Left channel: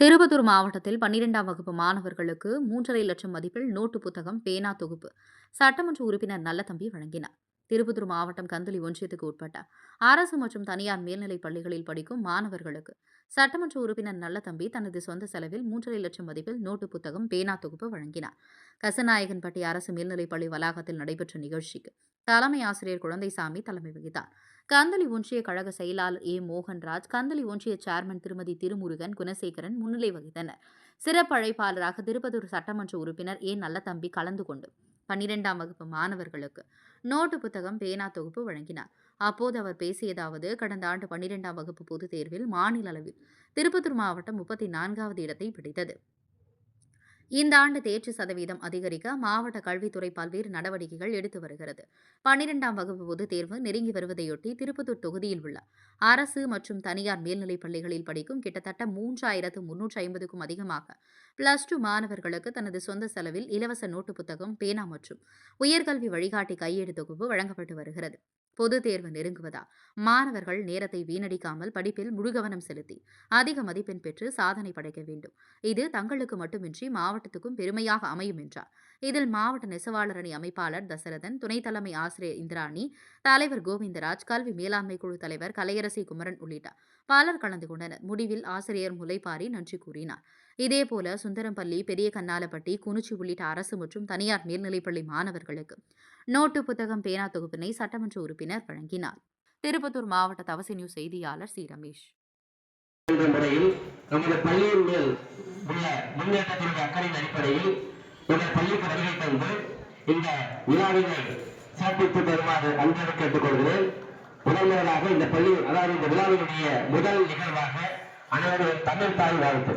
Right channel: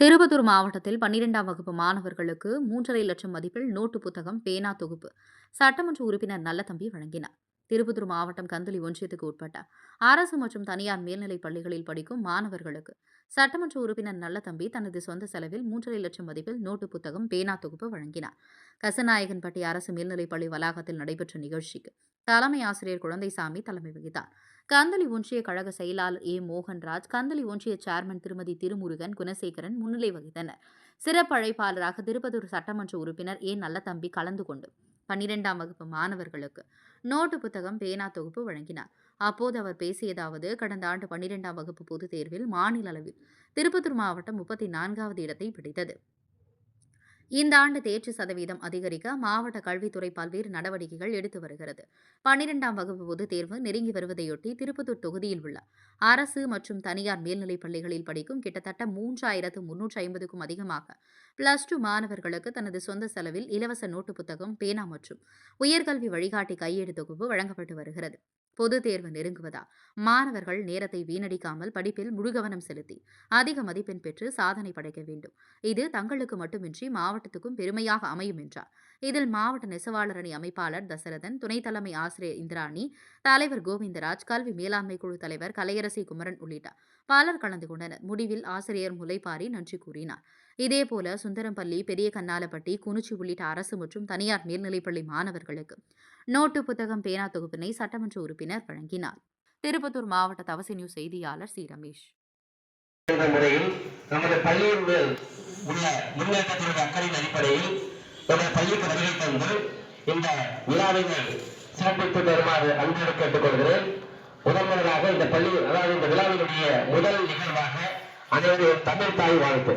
திருப்பத்தூர் மாவட்டத்தில் பன்னிரெண்டாம் வகுப்பு மாணவர்களுக்கு மூன்றரை லட்சம் மதிப்பில் நோட்டு புத்தகம் பேனா தொகுப்பு சட்டமன்ற உறுப்பினர் நல்லதம்பி வழங்கினார். திருப்பத்தூர் மாவட்டம் கந்தளி ஒன்றியத்துக்கு உட்பட்ட அரசு மற்றும் தனியார் மேல்நிலைப் பள்ளிகளில் படிக்கும் மாணவர்களுக்கு சட்டமன்ற உறுப்பினர் நல்லதம்பி தனது சொந்த செலவில் மூன்றரை லட்சம் மதிப்பில் நோட்டு புத்தகம் பேனா தொகுப்பு வழங்கினார். கசநாயகன்பட்டி அரசு மேல்நிலைப் பள்ளி வளாகத்தில் நடைபெற்ற நிகழ்ச்சிக்கு தலைமை ஆசிரியர் குழந்தைசாமி தலைமை வகித்தார். கந்தளி ஒன்றிய கழக செயலாளர் ஏ. மோகன்ராஜ் கந்தளி ஒன்றிய சேர்மன் திருமதி திருமுருகன் குணசேகரன் முன்னிலை வகித்தனர். சிறப்பு அழைப்பாளராக திருப்பதூர் சட்டமன்ற உறுப்பினர் ஏ. நல்லதம்பி கலந்து கொண்டு பன்னிரெண்டாம் வகுப்பு மாணவர்களுக்கு நோட்டு புத்தகம் பேனா தொகுப்பு வழங்கினார். அப்போது அவர் பேசியதாவது கடந்த ஆண்டு பன்னிரெண்டாம் வகுப்பு பொதுத் தேர்வில் மாநில அளவில் திருப்பத்தூர் மாவட்டம் முப்பத்தி நான்காவது இடத்தை பிடித்தது. இந்த ஆண்டு தேர்ச்சி சதவீதம் அதிகரிக்க மாவட்ட கல்வித்துறை பல்வேறு நடவடிக்கைகள் எடுத்து வருகிறது. பன்னிரெண்டாம் வகுப்பு பொதுத் தேர்வு நெருங்கி வருவதையொட்டி திருப்பத்தூர் தொகுதியில் உள்ள அரசு மற்றும் தனியார் மேல்நிலைப் பள்ளிகளில் படிக்கும் கிட்டத்தட்ட மூன்றாயிரத்து முன்னூற்று ஐம்பதுக்கும் அதிகமாக பிளஸ் டூ மாணவர்களுக்கு தனது சொந்த செலவில் இலவச நோட்டு புத்தகம் பேனா மற்றும் உயர்கல்வி வழிகாட்டி கையேடு தொகுப்பு வழங்கப்பட்டு வருகிறது. பொது தேர்வு நெருங்குவதால் மாணவர்கள் நேரத்தை வீணடிக்காமல் படிப்பில் முழு கவனம் செலுத்தி அதிக மதிப்பெண் பெற்று சாதனை படைக்க வேண்டும். இது தங்களுக்கு மட்டுமின்றி மாவட்டத்துக்கும் பெருமையாக அமையும் என்றார். இதில் மாவட்ட நெசவாளர் அணி அமைப்பாளர் தசரதன் துணைத் தலைமை ஆசிரியர் இந்திராணி தலைவர் கோவிந்தராஜ் கல்வி மேலாண்மை குழு தலைவர் கலையரசி குமரன் உள்ளிட்ட பலர் கலந்து கொண்டனர். முடிவில் ஆசிரியர் முலைப்பாரி நன்றி கூறினார். இதேபோல சுந்தரம்பள்ளி பெரிய கண்ணாலப்பட்டி குனிச்சி உள்ளிட்ட அரசு மற்றும் தனியார் மேல்நிலைப்பள்ளி மாணவர்களுக்கு நோட்டு புத்தகம் பேனா தொகுப்பினை சட்டமன்ற உறுப்பினர் வழங்கினார். திருப்பத்தூர் மாவட்ட தவசி நியூஸ் செய்தியாளர் சி. ரமேஷ். முறையில் நமது பள்ளியினுடைய உள்ள முன்னேற்றத்தினுடைய அக்கறையின் அடிப்படையில் நமது தந்து இந்த விழாவினை சிறப்பித்து அன்போடு கேட்டுக்கொள்கிறேன். இந்த பள்ளி அதாவது இந்த விழாவினுடைய முதல் நிகழ்வாக அனைவரும் தமிழ் தாய் வாழ்த்து.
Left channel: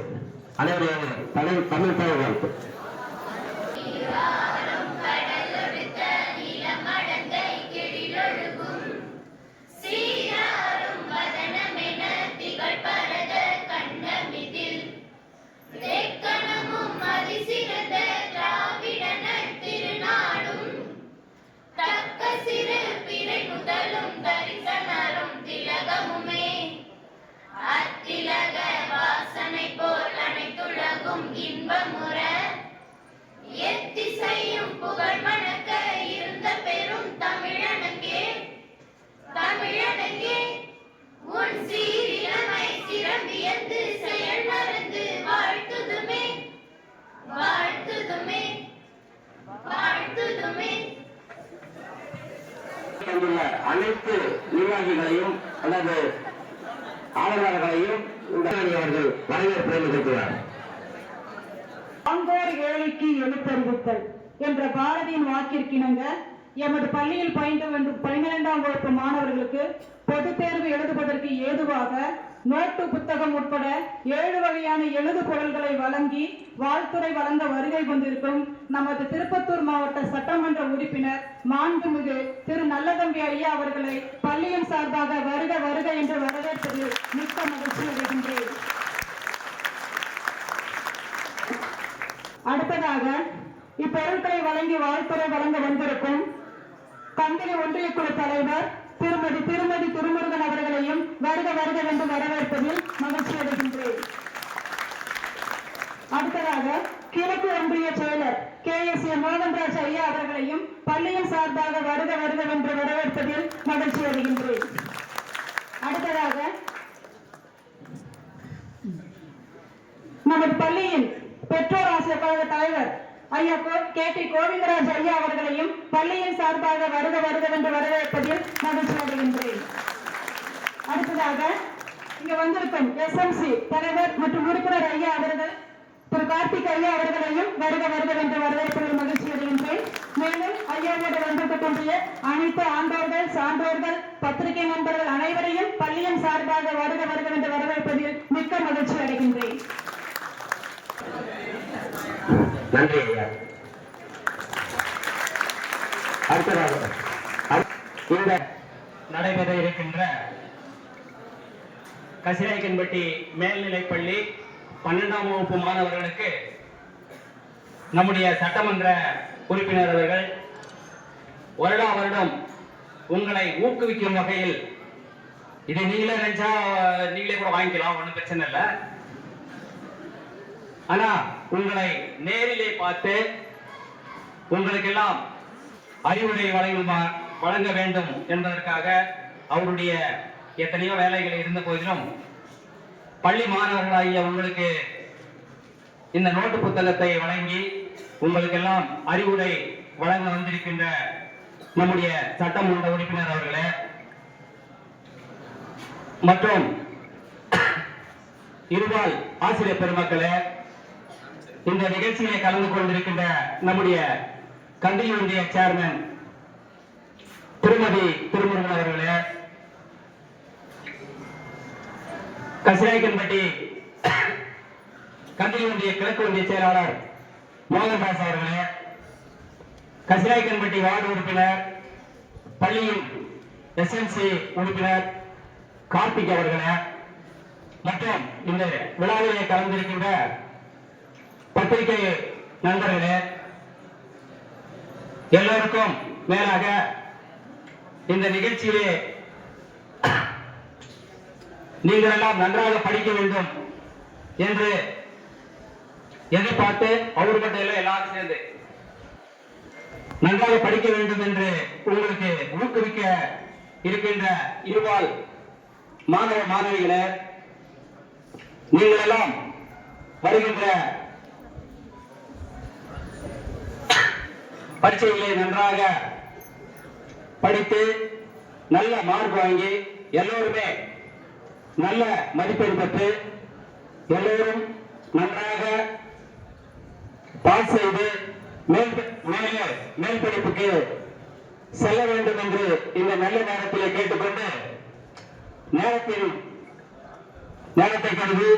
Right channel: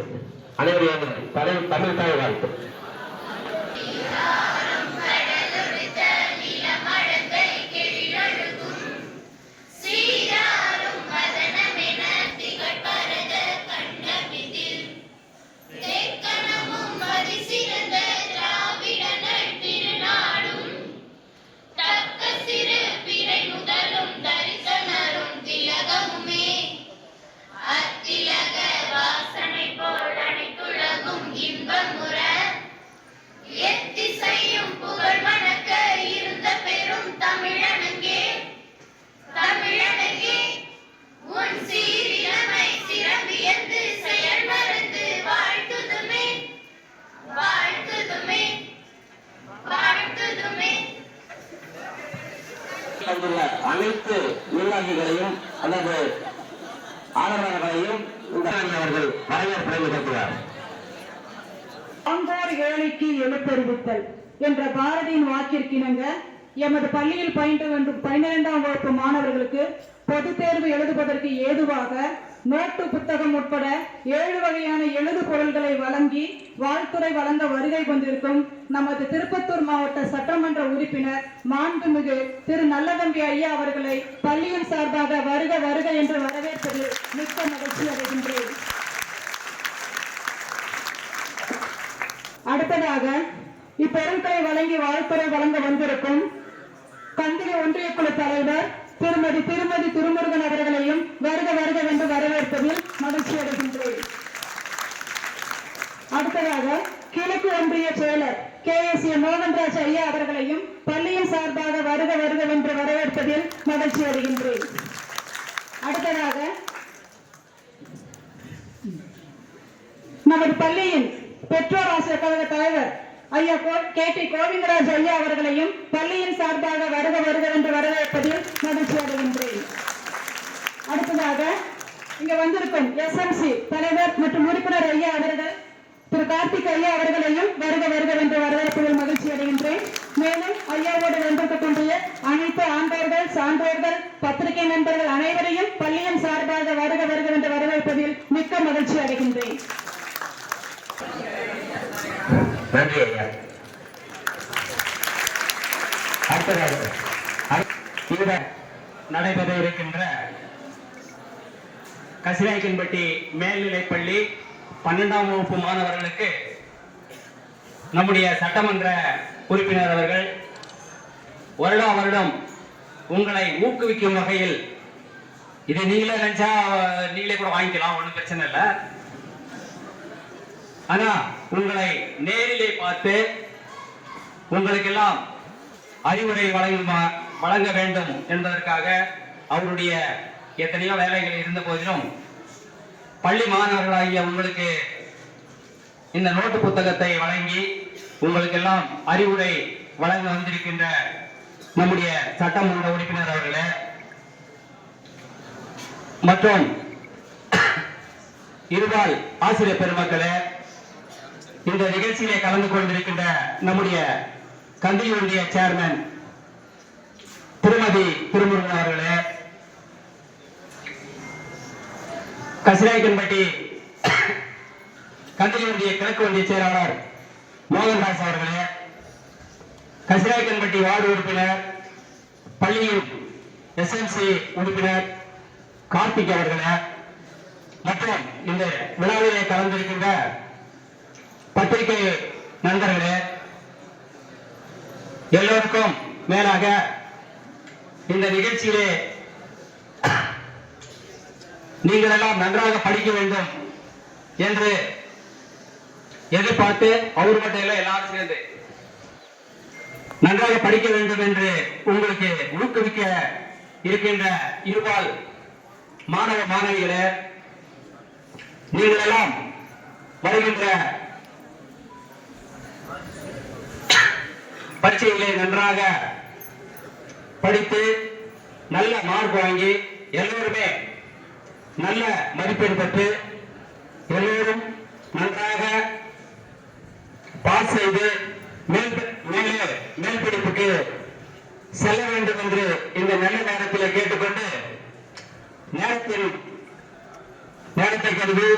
அனைவரையான தமிழ் தமிழ் தாய் வாழ்த்து அனைத்து நிர்வாகிகளையும் அல்லது ஆதரவாளர்களையும் இந்த அவர்கள் வரவேற்பை நிகழ்த்துவார் அங்கோர் ஏழைக்கு எழுத்தறிவித்தல் என்ற பாரதியின் வாக்கிற்கிணங்க எமது பள்ளியில் பயின்ற வேண்டும் பன்னிரெண்டாம் வகுப்பு மாணவர்களுக்கு பொதுத் தேர்வு எழுதுவதற்கு ஏதுவாக நோட்டு புத்தகம் உட்பட ஏழு வகையான எழுது பொருள்களை வழங்கி வாழ்த்துறை வழங்க வருகை வந்திருக்கும் நமது திருப்பத்தூர் மாவட்ட சட்டமன்ற உறுப்பினர் மாண்புமிகு திரு நல்லதம்பி ஐயா அவர்களை பள்ளியின் சார்பாக வருக வருக என்று வரவேற்பதில் மிக்க மகிழ்ச்சி அடைகின்றேன். அடுத்ததாக இப்பொருட்களை வழங்கி வாழ்த்துறை வழங்க வந்திருக்கும் கந்திரி ஒன்றிய குழு தலைவர் திருமதி திருமதி திருமுருகன் அவர்களையும் வருக வருக என்று வரவேற்பதில் மகிழ்ச்சி அடைகின்றேன். அடுத்ததாக கிழக்கு ஒன்றிய செயலர் கே. எஸ். ஏ. மோகன்ராஜ் ஐயா அவர்களையும் பள்ளியின் சார்பாக வருக வருக என்று வரவேற்பதில் மகிழ்ச்சி அடைகின்றேன். அடுத்ததாக நமது பள்ளியின் பெற்றோர் ஆசிரியர் கழக தலைவர் ஐயா கே டி கோவிந்தராஜ் ஐயா அவர்களையும் பள்ளியின் சார்பாக வருக வருக என்று வரவேற்பதில் மகிழ்ச்சி அடைகின்றேன் அடுத்ததாக இங்க வந்திருக்கும் எஸ்எம்சி தலைவர் மற்றும் உறுப்பினர் ஐயா அவர்கள் திரு கார்த்திக் ஐயா அவர்களையும் வருக வருக என்று வரவேற்பதில் மகிழ்ச்சி அடைகின்றேன். மேலும் ஐயாவோடு வந்திருக்கக்கூடிய அனைத்து ஆண்டோர்கள் சான்றோர்கள் பத்திரிகை நண்பர்கள் அனைவரையும் பள்ளியின் சார்பாக வருக வருக என்று வரவேற்பதில் மிக்க மகிழ்ச்சி அடைகின்றேன். நன்றி ஐயா அடுத்ததாக நடைபெற இருக்கின்ற கசிராய்க்கன்பட்டி மேல்நிலைப்பள்ளி பன்னெண்டாம் வகுப்பு மாணவர்களுக்கு நம்முடைய சட்டமன்ற உறுப்பினர் அவர்கள் வருடா வருடம் உங்களை ஊக்குவிக்கும் வகையில் இதை நீங்களே நினைச்சா நீங்களே கூட வாங்கிக்கலாம் ஒன்றும் பிரச்சனை இல்லை. ஆனா உங்களை நேரிலே பார்த்து உங்களுக்கெல்லாம் அறிவுரை வழங்க வழங்க வேண்டும் என்பதற்காக அவருடைய எத்தனையோ வேலைகள் இருந்த போதிலும் பள்ளி மாணவர்களாகிய உங்களுக்கு இந்த நோட்டு புத்தகத்தை வழங்கி உங்களுக்கெல்லாம் அறிவுரை வழங்க வந்திருக்கின்ற நம்முடைய சட்டமன்ற உறுப்பினர் அவர்களே. மற்றும் இருபால் ஆசிரியர் பெருமக்களே இந்த நிகழ்ச்சியிலே கலந்து கொண்டிருக்கின்ற நம்முடைய கந்தியூருடைய சேர்மன் திருமதி திருமுருகன் அவர்களே கசிநாயக்கன்பட்டி கந்தியூருடைய கிழக்கு ஒன்றிய செயலாளர் மோகன்தாஸ் அவர்களே கசிநாயக்கன்பட்டி வார்டு உறுப்பினர் பள்ளியின் எஸ்எம்சி உறுப்பினர் கார்த்திக் அவர்களே மற்றும் இந்த விழாவிலே கலந்திருக்கின்ற பத்திரிகை நண்பர்களே எல்லோருக்கும் மேலாக இந்த நிகழ்ச்சியிலே நீங்கள் எல்லாம் நன்றாக படிக்க வேண்டும் என்று எதிர்பார்த்து அவர் மட்டும் இல்லை எல்லாரும் சேர்ந்து நன்றாக படிக்க வேண்டும் என்று உங்களுக்கு ஊக்குவிக்க இருக்கின்ற இருபால் மாணவ மாணவிகளை நீங்கள் எல்லாம் வருகின்ற பரீட்சையிலே நன்றாக படித்து நல்ல மார்க் வாங்கி எல்லோருமே நல்ல மதிப்பெண் பெற்று எல்லோரும் நன்றாக பாஸ் செய்து மேல் மேலே மேல் படிப்புக்கு செல்ல வேண்டும் என்று இந்த நல்ல நேரத்தில் கேட்டுக்கொண்டு நேரத்தின் நேரத்தை கருதி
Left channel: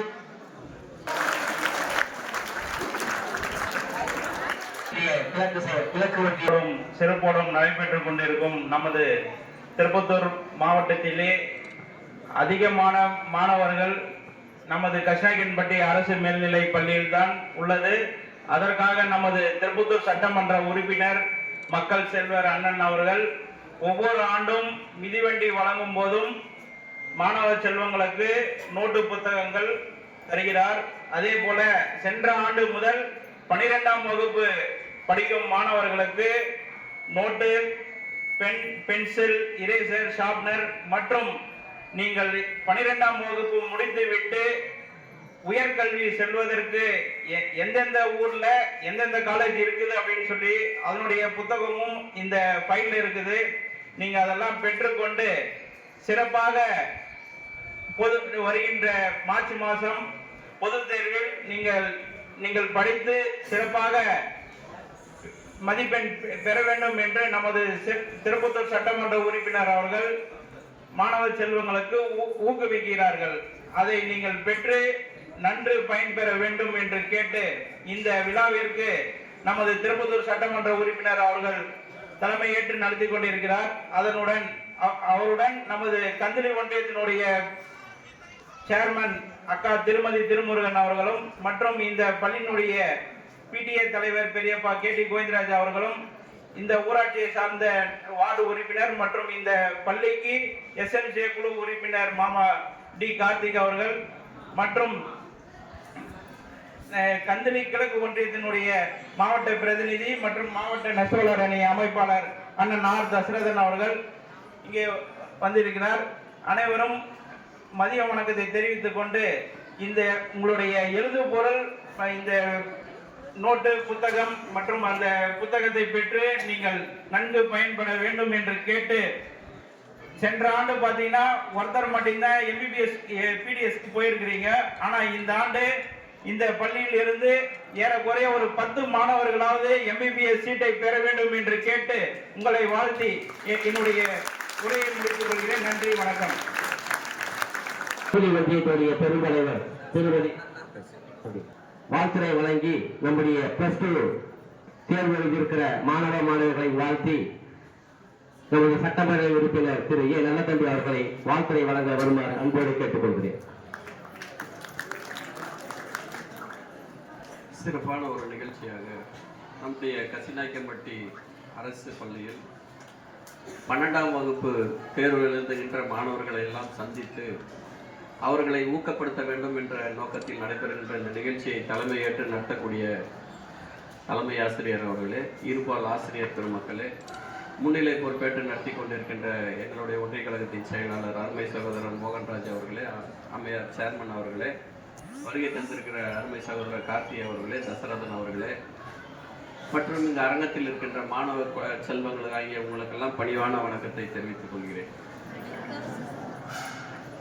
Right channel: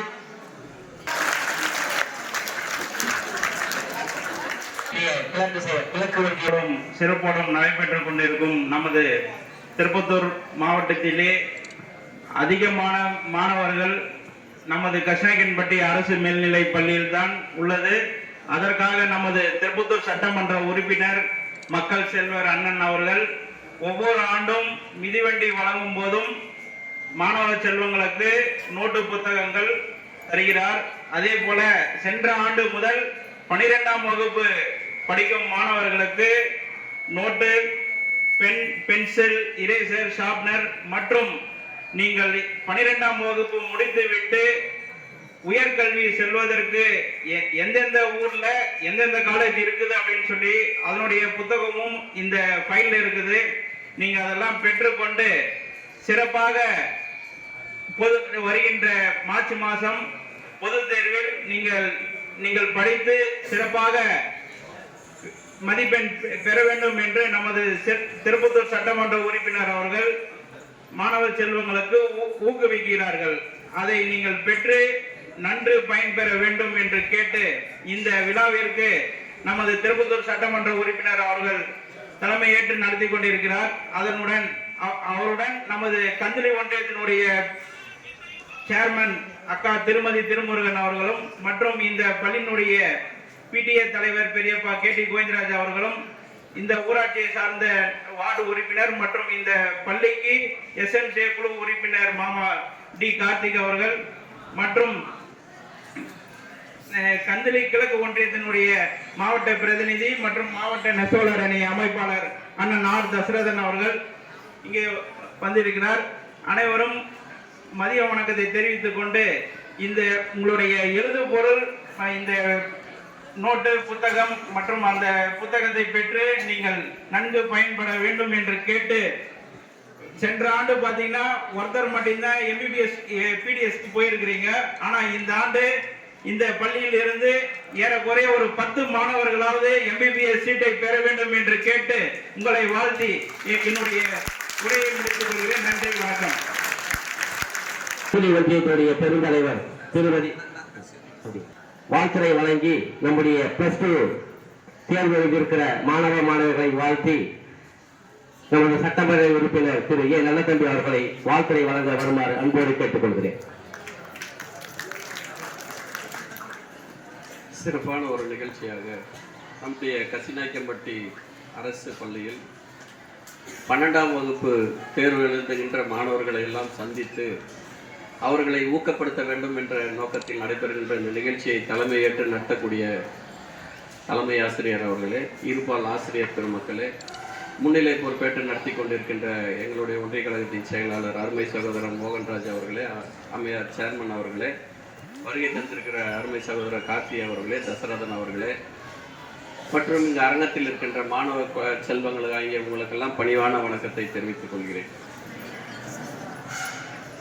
கிழக்கு செ- கிழக்கு ஒன்றியம் சிறப்போடும் நடைபெற்றுக் கொண்டிருக்கும் நமது திருப்பத்தூர் மாவட்டத்திலே அதிகமான மாணவர்கள் நமது கஷாயக்கன்பட்டி அரசு மேல்நிலைப் பள்ளியில்தான் உள்ளது. அதற்காக நமது திருப்பத்தூர் சட்டமன்ற உறுப்பினர் மக்கள் செல்வர் அண்ணன் அவர்கள் ஒவ்வொரு ஆண்டும் மிதிவண்டி வழங்கும் போதும் மாணவ செல்வங்களுக்கு நோட்டு புத்தகங்கள் தருகிறார். அதே போல சென்ற ஆண்டு முதல் பனிரெண்டாம் வகுப்பு படிக்கும் மாணவர்களுக்கு note pen pencil eraser sharpener மற்றும் நீங்கள் பனிரெண்டாம் வகுப்பு முடித்துவிட்டு உயர்கல்வி செல்வதற்கு எ- எந்தெந்த ஊர்ல எந்தெந்த காலேஜ் இருக்குது அப்படின்னு சொல்லி அதனுடைய புத்தகமும் இந்த ஃபைல் இருக்குது. நீங்க அதெல்லாம் பெற்றுக்கொண்டு சிறப்பாக பொது வருகின்ற மார்ச் மாதம் பொதுத் தேர்வில் நீங்கள் நீங்கள் படித்து சிறப்பாக மதிப்பெண் பெற வேண்டும் என்று நமது செ- திருப்பத்தூர் சட்டமன்ற உறுப்பினர் அவர்கள் மாணவ செல்வங்களுக்கு ஊ- ஊக்குவிக்கிறார்கள். அதை நீங்கள் பெற்று நன்று பயன்பெற வேண்டும் என்று கேட்டு இந்த விழாவிற்கு நமது திருப்பத்தூர் சட்டமன்ற உறுப்பினர் அவர்கள் தலைமையேற்று நடத்தி கொண்டிருக்கிறார். அதனுடன் அவருடன் நமது கந்திரி ஒன்றியத்தினுடைய சேர்மன் அக்கா திருமதி திருமுருகன் அவர்களும் மற்றும் இந்த பள்ளியினுடைய பிடிஏ தலைவர் பெரியப்பா கே டி கோவிந்தராஜ் அவர்களும் இந்த ஊராட்சியை சார்ந்த வார்டு உறுப்பினர் மற்றும் இந்த பள்ளிக்கு எஸ்எம்ஜே குழு உறுப்பினர் மாமா டி கார்த்திக் அவர்கள் மற்றும் கந்தளி கிழக்கு ஒன்றியத்தினுடைய மாவட்ட பிரதிநிதி மற்றும் மாவட்ட நெசவாளர் அணி அமைப்பாளர் அண்ணன் ஆர் தசரதன் அவர்கள் இங்கே வந்திருக்கிறார். அனைவரும் மதிய வணக்கத்தை தெரிவித்துக் கொண்டு இந்த உங்களுடைய எழுதுபொருள் இந்த நோட்டு புத்தகம் மற்றும் அந்த புத்தகத்தை பெற்று நீங்கள் நன்கு பயன்பட வேண்டும் என்று கேட்டு சென்ற ஆண்டு பார்த்தீங்கன்னா ஒருத்தர் மட்டும்தான் எம்பிபிஎஸ் பிடிஎஸ் போயிருக்கிறீங்க. ஆனால் இந்த ஆண்டு இந்த பள்ளியில் இருந்து ஏறக்குறைய ஒரு பத்து மாணவர்களாவது எம்பிபிஎஸ் சீட்டை பெற வேண்டும் என்று கேட்டு உங்களை வாழ்த்தி என்னுடைய உரையை முடித்துக் கொள்கிறேன். நன்றி வணக்கம். ஒன்றியத்துடைய பெருந்தலைவர் திருமதி வாழ்த்துறை வழங்கி நம்முடைய பிளஸ் டூ தேர்வு எழுதியிருக்கிற மாணவ மாணவர்களை வாழ்த்தி நம்முடைய சட்டமன்ற உறுப்பினர் திரு ஏ. நல்லதம்பி அவர்களை வாழ்த்துறை வழங்க வருமாறு அன்போடு கேட்டுக்கொள்கிறேன். சிறப்பான ஒரு நிகழ்ச்சியாக நம்முடைய கசிநாயக்கன்பட்டி அரசு பள்ளியில் பன்னெண்டாம் வகுப்பு தேர்வு எழுதுகின்ற மாணவர்களை எல்லாம் சந்தித்து அவர்களை ஊக்கப்படுத்த வேண்டும் என்ற நோக்கத்தில் நடைபெறுகின்ற இந்த நிகழ்ச்சியை தலைமையேற்று நடத்தக்கூடிய தலைமை ஆசிரியர் அவர்களே இருபால் ஆசிரியர் பெருமக்களே முன்னிலை பொறுப்பேற்று நடத்தி கொண்டிருக்கின்ற எங்களுடைய ஒன்றிய கழகத்தின் செயலாளர் அருமை சகோதரன் மோகன்ராஜ் அவர்களே அம்மையார் சேர்மன் அவர்களே வருகை தந்திருக்கிற அருமை சகோதரர் கார்த்தி அவர்களே தசரதன் அவர்களே மற்றும் இந்த அரங்கத்தில் இருக்கின்ற மாணவ ப- செல்வங்கள் ஆகிய உங்களுக்கெல்லாம் பணிவான வணக்கத்தை தெரிவித்துக் கொள்கிறேன்.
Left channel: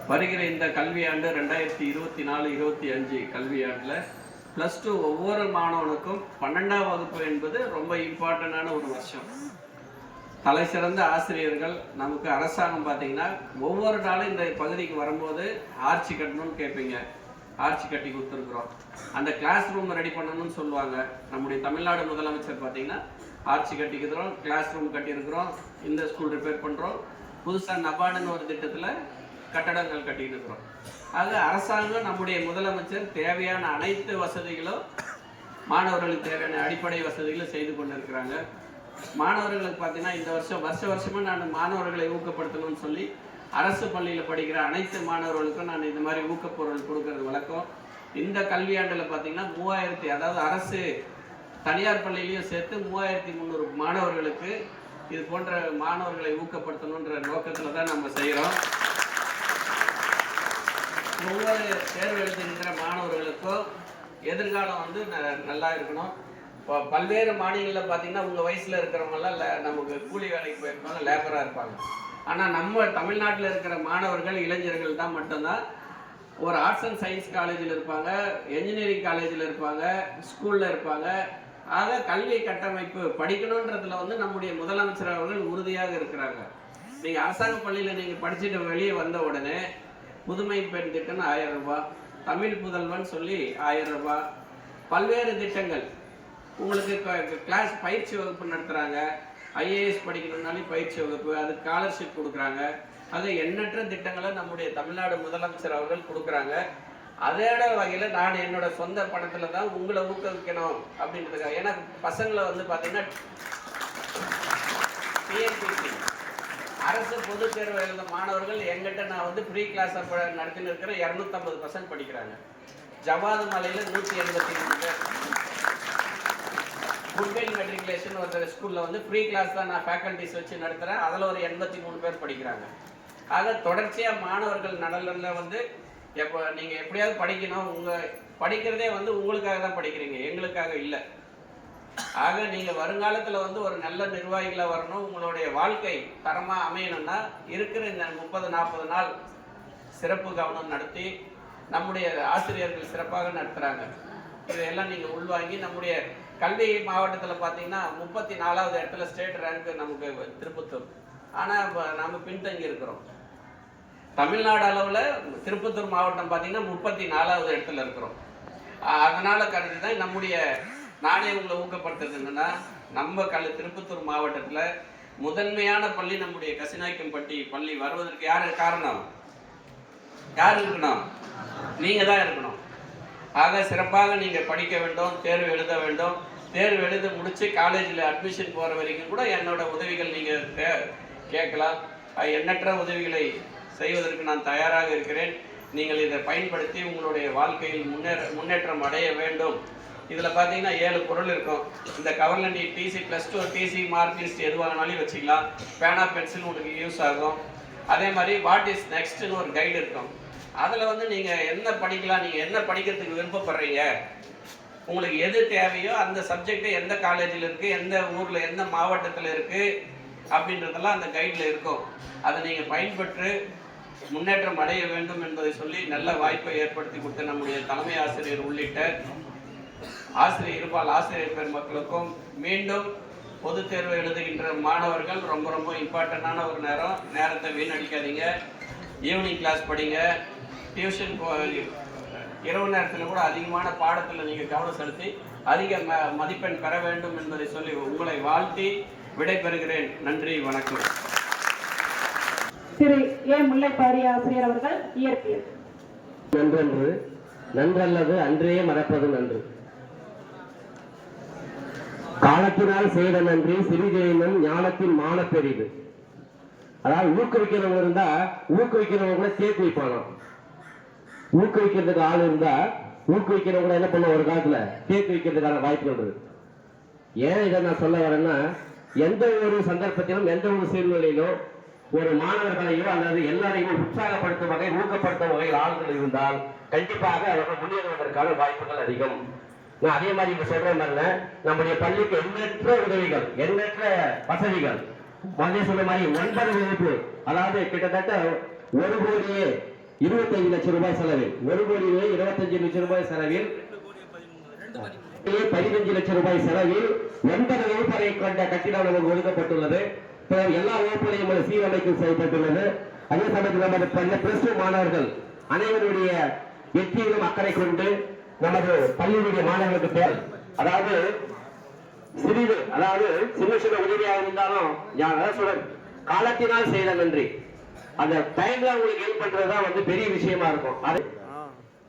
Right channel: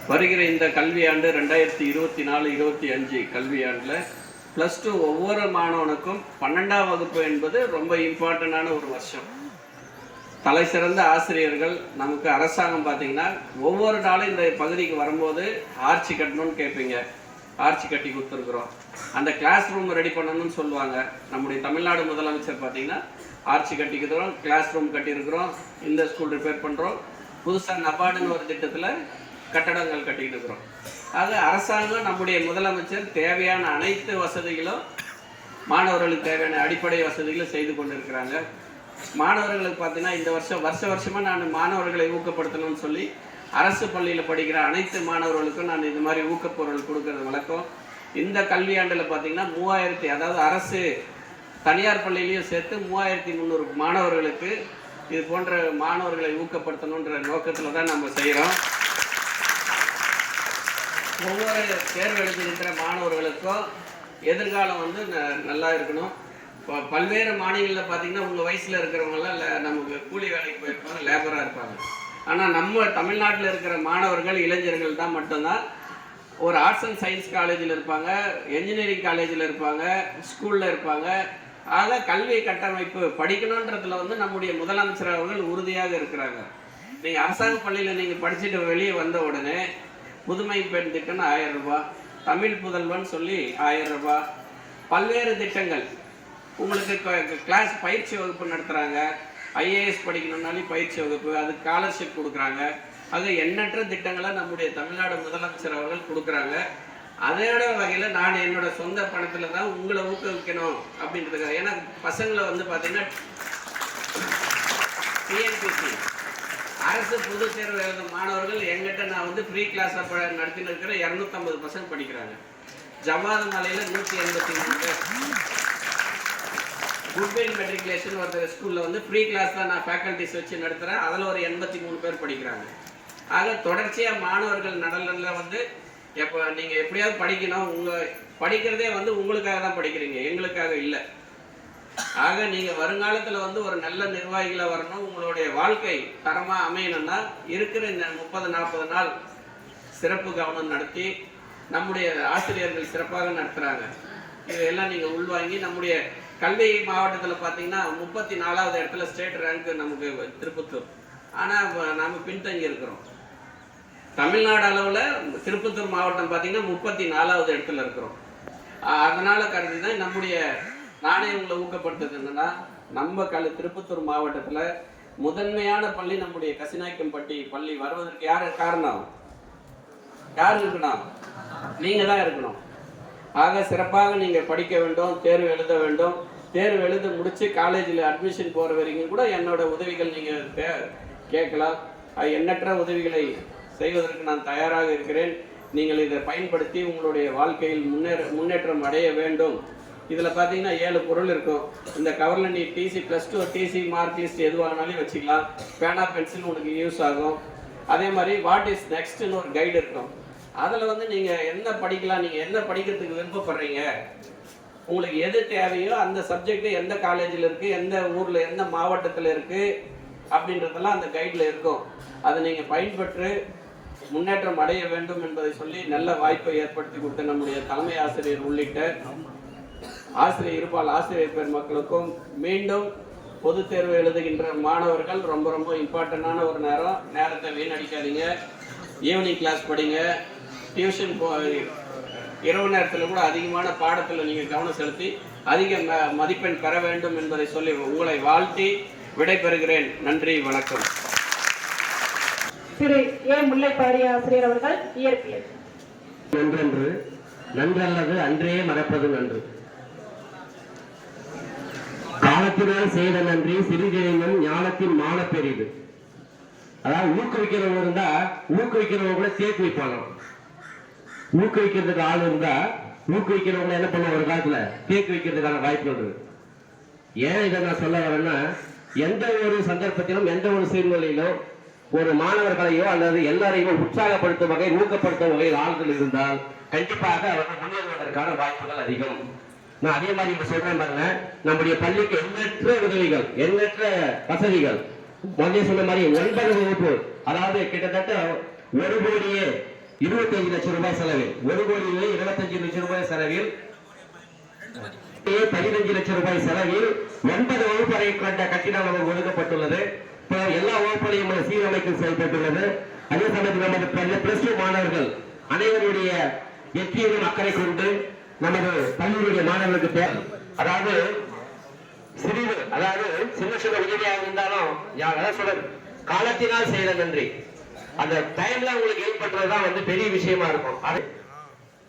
வருகிற இந்த கல்வியாண்டு ரெண்டாயிரத்தி இருபத்தி நாலு இருபத்தி அஞ்சு கல்வியாண்டில் ப்ளஸ் டூ ஒவ்வொரு மாணவனுக்கும் பன்னெண்டாம் வகுப்பு என்பது ரொம்ப இம்பார்ட்டண்டான ஒரு வருஷம். தலை சிறந்த ஆசிரியர்கள் நமக்கு அரசாங்கம் பார்த்தீங்கன்னா ஒவ்வொரு நாளும் இந்த பகுதிக்கு வரும்போது ஆர்ச்சி கட்டணும்னு கேட்பீங்க. ஆர்ச்சி கட்டி கொடுத்துருக்குறோம். அந்த கிளாஸ் ரூம் ரெடி பண்ணணும்னு சொல்லுவாங்க. நம்முடைய தமிழ்நாடு முதலமைச்சர் பார்த்தீங்கன்னா ஆர்ச்சி கட்டிக்கிறோம் கிளாஸ் ரூம் கட்டியிருக்கிறோம் இந்த ஸ்கூல் ரிப்பேர் பண்ணுறோம் புதுசாக நபார்டுன்னு ஒரு திட்டத்தில் கட்டடங்கள் கட்டிட்டு இருக்கிறோம். அது அரசாங்கம் நம்முடைய முதலமைச்சர் தேவையான அனைத்து வசதிகளும் மாணவர்களுக்கு தேவையான அடிப்படை வசதிகளும் செய்து கொண்டிருக்கிறாங்க. மாணவர்களுக்கு பார்த்தீங்கன்னா இந்த வருஷம் வருஷ வருஷமாக நான் மாணவர்களை ஊக்கப்படுத்தணும்னு சொல்லி அரசு பள்ளியில் படிக்கிற அனைத்து மாணவர்களுக்கும் நான் இது மாதிரி ஊக்கப்பொருள் கொடுக்கறது வழக்கம். இந்த கல்வியாண்டில் பார்த்தீங்கன்னா மூவாயிரத்தி அதாவது அரசு தனியார் பள்ளியிலையும் சேர்த்து மூவாயிரத்தி முந்நூறு மாணவர்களுக்கு இது போன்ற மாணவர்களை ஊக்கப்படுத்தணுன்ற நோக்கத்தில் தான் நம்ம செய்கிறோம் ஒவ்வொரு தேர்வு எழுதுகின்ற மாணவர்களுக்கும் எதிர்காலம் வந்து ந- நல்லா இருக்கணும். இப்போ பல்வேறு மாநிலங்களில் பார்த்தீங்கன்னா உங்கள் வயசில் இருக்கிறவங்களாம் நமக்கு கூலி வேலைக்கு போயிருப்பாங்க லேபராக இருப்பாங்க. ஆனால் நம்ம தமிழ்நாட்டில் இருக்கிற மாணவர்கள் இளைஞர்கள் தான் மட்டும்தான். ஒரு ஆர்ட்ஸ் அண்ட் சயின்ஸ் காலேஜில் இருப்பாங்க என்ஜினியரிங் காலேஜில் இருப்பாங்க ஸ்கூலில் இருப்பாங்க. ஆக கல்வி கட்டமைப்பு படிக்கணுன்றதுல வந்து நம்முடைய முதலமைச்சர் அவர்கள் உறுதியாக இருக்கிறாங்க. நீங்கள் அரசாங்க பள்ளியில் நீங்கள் படிச்சுட்டு வெளியே வந்த உடனே புதுமை பெண் திட்டம்னு ஆயிரம் ரூபாய் தமிழ் புதல்வன் சொல்லி ஆயிரம் ரூபாய். பல்வேறு திட்டங்கள். உங்களுக்கு இப்போ கிளாஸ் பயிற்சி வகுப்பு நடத்துகிறாங்க ஐஏஎஸ் படிக்கணும்னாலும் பயிற்சி வகுப்பு அதுக்கு ஸ்காலர்ஷிப் கொடுக்குறாங்க. ஆக எண்ணற்ற திட்டங்களை நம்முடைய தமிழ்நாடு முதலமைச்சர் அவர்கள் கொடுக்குறாங்க. அதோட வகையில் நான் என்னோட சொந்த பணத்தில் தான் உங்களை ஊக்குவிக்கணும் அப்படின்றதுக்காக. ஏன்னா பசங்களை வந்து பார்த்தீங்கன்னா டிஎன்பிசி அரசு பொதுத் தேர்வு எழுதும் மாணவர்கள் எங்கிட்ட நான் வந்து ஃப்ரீ கிளாஸ் நடத்தின்னு இருக்கிற இரநூத்தம்பது பர்சன்ட் படிக்கிறாங்க. ஜவாது மலையில் நூற்றி எண்பத்தி மூணு பேர் குட்வில் மெட்ரிகுலேஷன் ஒருத்தர் ஸ்கூலில் வந்து ஃப்ரீ கிளாஸ் தான் நான் ஃபேக்கல்டிஸ் வச்சு நடத்துகிறேன் அதில் ஒரு எண்பத்தி மூணு பேர் படிக்கிறாங்க. ஆக தொடர்ச்சியாக மாணவர்கள் நடனில் வந்து எப்போ நீங்கள் எப்படியாவது படிக்கணும். உங்கள் படிக்கிறதே வந்து உங்களுக்காக தான் படிக்கிறீங்க. எங்களுக்காக இல்லை. ஆக நீங்க வருங்காலத்துல வந்து ஒரு நல்ல நிர்வாகிகளா வரணும். உங்களுடைய வாழ்க்கை தரமா அமையணும்னா இருக்கிற இந்த முப்பது நாற்பது நாள் சிறப்பு கவனம் நடத்தி நம்முடைய ஆசிரியர்கள் சிறப்பாக நடத்துறாங்க. இதெல்லாம் நீங்க உள்வாங்கி நம்முடைய கல்வி மாவட்டத்தில் பார்த்தீங்கன்னா முப்பத்தி நாலாவது இடத்துல ஸ்டேட் ரேங்க் நமக்கு திருப்பத்தூர். ஆனால் நாம் பின்தங்கி இருக்கிறோம். தமிழ்நாடு அளவில் திருப்பத்தூர் மாவட்டம் பார்த்தீங்கன்னா முப்பத்தி நாலாவது இடத்துல இருக்கிறோம். அதனால் கருதி தான் நம்முடைய நானே உங்களை ஊக்கப்படுத்துறது என்னன்னா நம்ம கல் திருப்பத்தூர் மாவட்டத்துல முதன்மையான பள்ளி நம்முடைய கசிநாய்க்கம்பட்டி பள்ளி வருவதற்கு யாரு காரணம்? யார் இருக்கணும்? நீங்க தான் இருக்கணும். ஆக சிறப்பாக நீங்க படிக்க வேண்டும் தேர்வு எழுத வேண்டும். தேர்வு எழுத முடிச்சு காலேஜில் அட்மிஷன் போற வரைக்கும் கூட என்னோட உதவிகள் நீங்க தே- கேட்கலாம். எண்ணற்ற உதவிகளை செய்வதற்கு நான் தயாராக இருக்கிறேன். நீங்கள் இதை பயன்படுத்தி உங்களுடைய வாழ்க்கையில் முன்னேற முன்னேற்றம் அடைய வேண்டும். இதில் பார்த்தீங்கன்னா ஏழு பொருள் இருக்கும். இந்த கவர்லண்டி TC plus two TC mark list எது வச்சுக்கலாம். பேனா பென்சில் உங்களுக்கு யூஸ் ஆகும். அதே மாதிரி வாட் இஸ் நெக்ஸ்ட்னு ஒரு கைடு இருக்கும். அதில் வந்து நீங்கள் என்ன படிக்கலாம் நீங்கள் என்ன படிக்கிறதுக்கு விருப்பப்படுறீங்க உங்களுக்கு எது தேவையோ அந்த சப்ஜெக்ட் எந்த காலேஜில் இருக்குது எந்த ஊரில் எந்த மாவட்டத்தில் இருக்குது அப்படின்றதெல்லாம் அந்த கைடில் இருக்கும். அதை நீங்கள் பயன்பெற்று முன்னேற்றம் அடைய வேண்டும் என்பதை சொல்லி நல்ல வாய்ப்பை ஏற்படுத்தி கொடுத்த நம்முடைய தலைமை ஆசிரியர் உள்ளிட்ட ஆசிரியர் இருப்பால் ஆசிரியர் பெருமக்களுக்கும் மீண்டும் பொதுத் தேர்வு எழுதுகின்ற மாணவர்கள் ரொம்ப ரொம்ப இம்பார்ட்டண்டான ஒரு நேரம். நேரத்தை வீணடிக்காதீங்க. ஈவினிங் கிளாஸ் படிங்க. டியூஷன் போ இரவு நேரத்தில் கூட அதிகமான பாடத்தில் நீங்கள் கவனம் செலுத்தி அதிக ம- மதிப்பெண் பெற வேண்டும் என்பதை சொல்லி உங்களை வாழ்த்தி விடைபெறுகிறேன். நன்றி வணக்கம். திரு ஏ. முல்லைப்பாரி ஆசிரியர் அவர்கள் இயற்பியல். நன்றன்று. நன்றல்லது அன்றே மறப்பது நன்று. ஞானத்தினால் செய்த நன்றி சிறிதெனினும் ஞானத்தின் மான பெரிது. அதாவது ஊக்குவிக்கிறவங்க இருந்தா ஊக்குவிக்கிறவங்க கூட சேர்த்து வைப்பானாம் ஊக்குவிக்கிறதுக்கு ஆள் இருந்தா ஊக்குவிக்கிறவங்க என்ன பண்ண ஒரு காலத்துல? கேக் வைக்கிறதுக்கான வாய்ப்புகள் இருக்கு ஏன் இதை நான் சொல்ல வரேன்னா எந்த ஒரு சந்தர்ப்பத்திலும் எந்த ஒரு சூழ்நிலையிலும் ஒரு மாணவர்களையோ அல்லது எல்லாரையும் உற்சாகப்படுத்தும் வகையில் ஊக்கப்படுத்தும் வகையில் ஆளுகள் இருந்தால் கண்டிப்பாக அவர்கள் முன்னேறுவதற்கான வாய்ப்புகள் அதிகம். நான் அதே மாதிரி இப்ப சொல்றேன் பாருங்க. நம்முடைய பள்ளிக்கு எண்ணற்ற உதவிகள் எண்ணற்ற வசதிகள். முதல்ல சொன்ன மாதிரி ஒன்பது வகுப்பு. அதாவது கிட்டத்தட்ட ஒரு கோடியே இருபத்தஞ்சு லட்சம் ரூபாய் செலவில். ஒரு கோடியே இருபத்தஞ்சு லட்சம் ரூபாய் செலவில். பதினஞ்சு லட்சம் ரூபாய் செலவில் ஒன்பது வகுப்பறை கொண்ட கட்டிடம் நமக்கு ஒதுக்கப்பட்டுள்ளது. எல்லா வகுப்புகளையும் நம்ம சீரமைப்பு செய்யப்பட்டுள்ளது அதே சமயத்தில் நமது பிளஸ் டூ மாணவர்கள் அனைவருடைய வெற்றியிலும் அக்கறை கொண்டு நமது பள்ளியுடைய மாணவர்களுக்கு பேர். அதாவது சிறிது அதாவது சின்ன சின்ன உதவியாக இருந்தாலும் யா- அதாவது சொல்ற காலத்தினால் செய்த நன்றி. அந்த டைம்ல உங்களுக்கு ஏற்படுறதுதான் வந்து பெரிய விஷயமா இருக்கும்.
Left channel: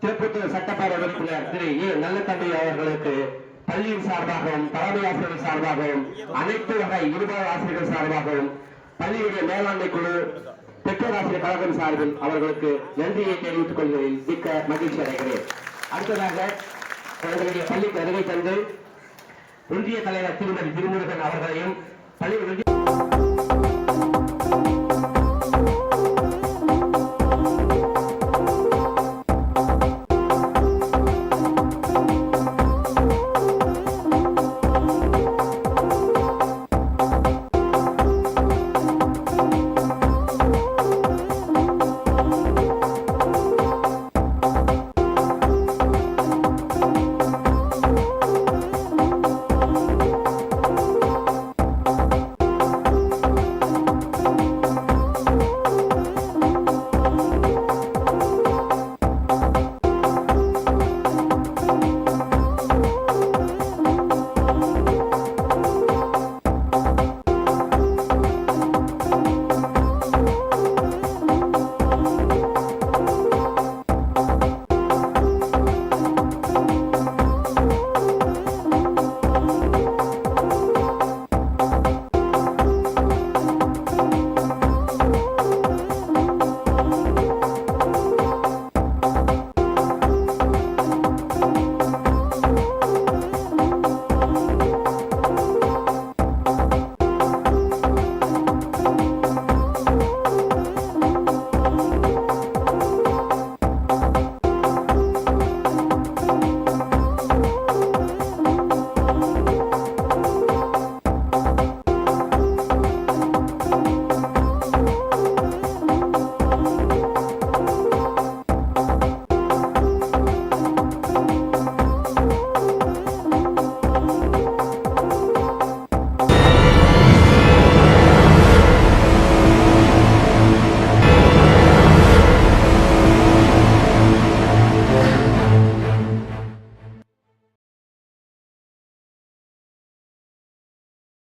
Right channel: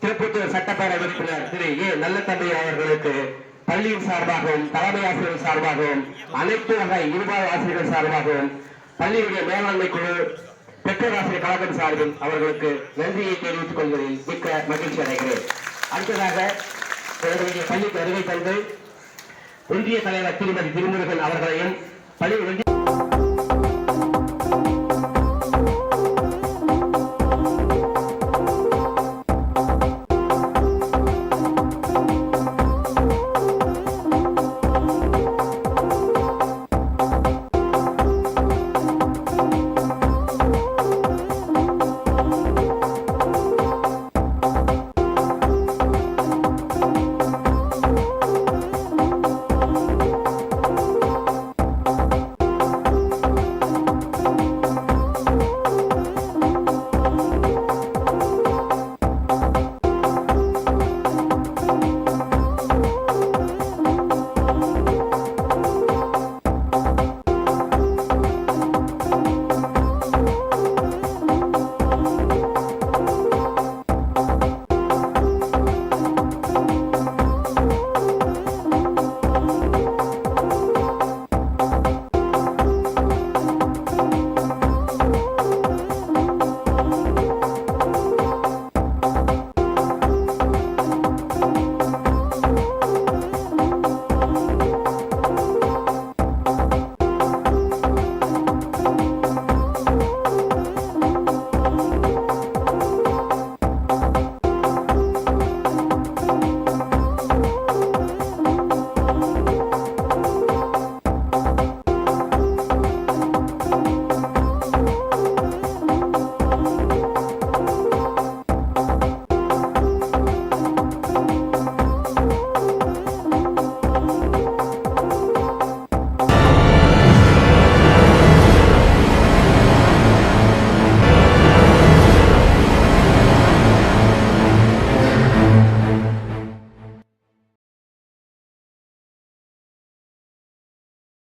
திருப்பத்தூர் சட்டப்பேரவை உறுப்பினர் திரு. ஏ. நல்லத்தம்பி அவர்களுக்கு பள்ளியின் சார்பாகவும் தலைமை ஆசிரியர் சார்பாகவும் அனைத்து வகை இருபால் ஆசிரியர்கள் சார்பாகவும் பள்ளியுடைய மேலாண்மை குழு பெற்றோர் ஆசிரியர் கழகம் சார்பில் அவர்களுக்கு நன்றியை தெரிவித்துக் கொள்வதில் மிக்க மகிழ்ச்சி அடைகிறேன். அடுத்ததாக எங்களுடைய பள்ளிக்கு வருகை தந்து ஒன்றிய தலைவர் திருமதி திருமுருகன் அவர்களையும் பள்ளி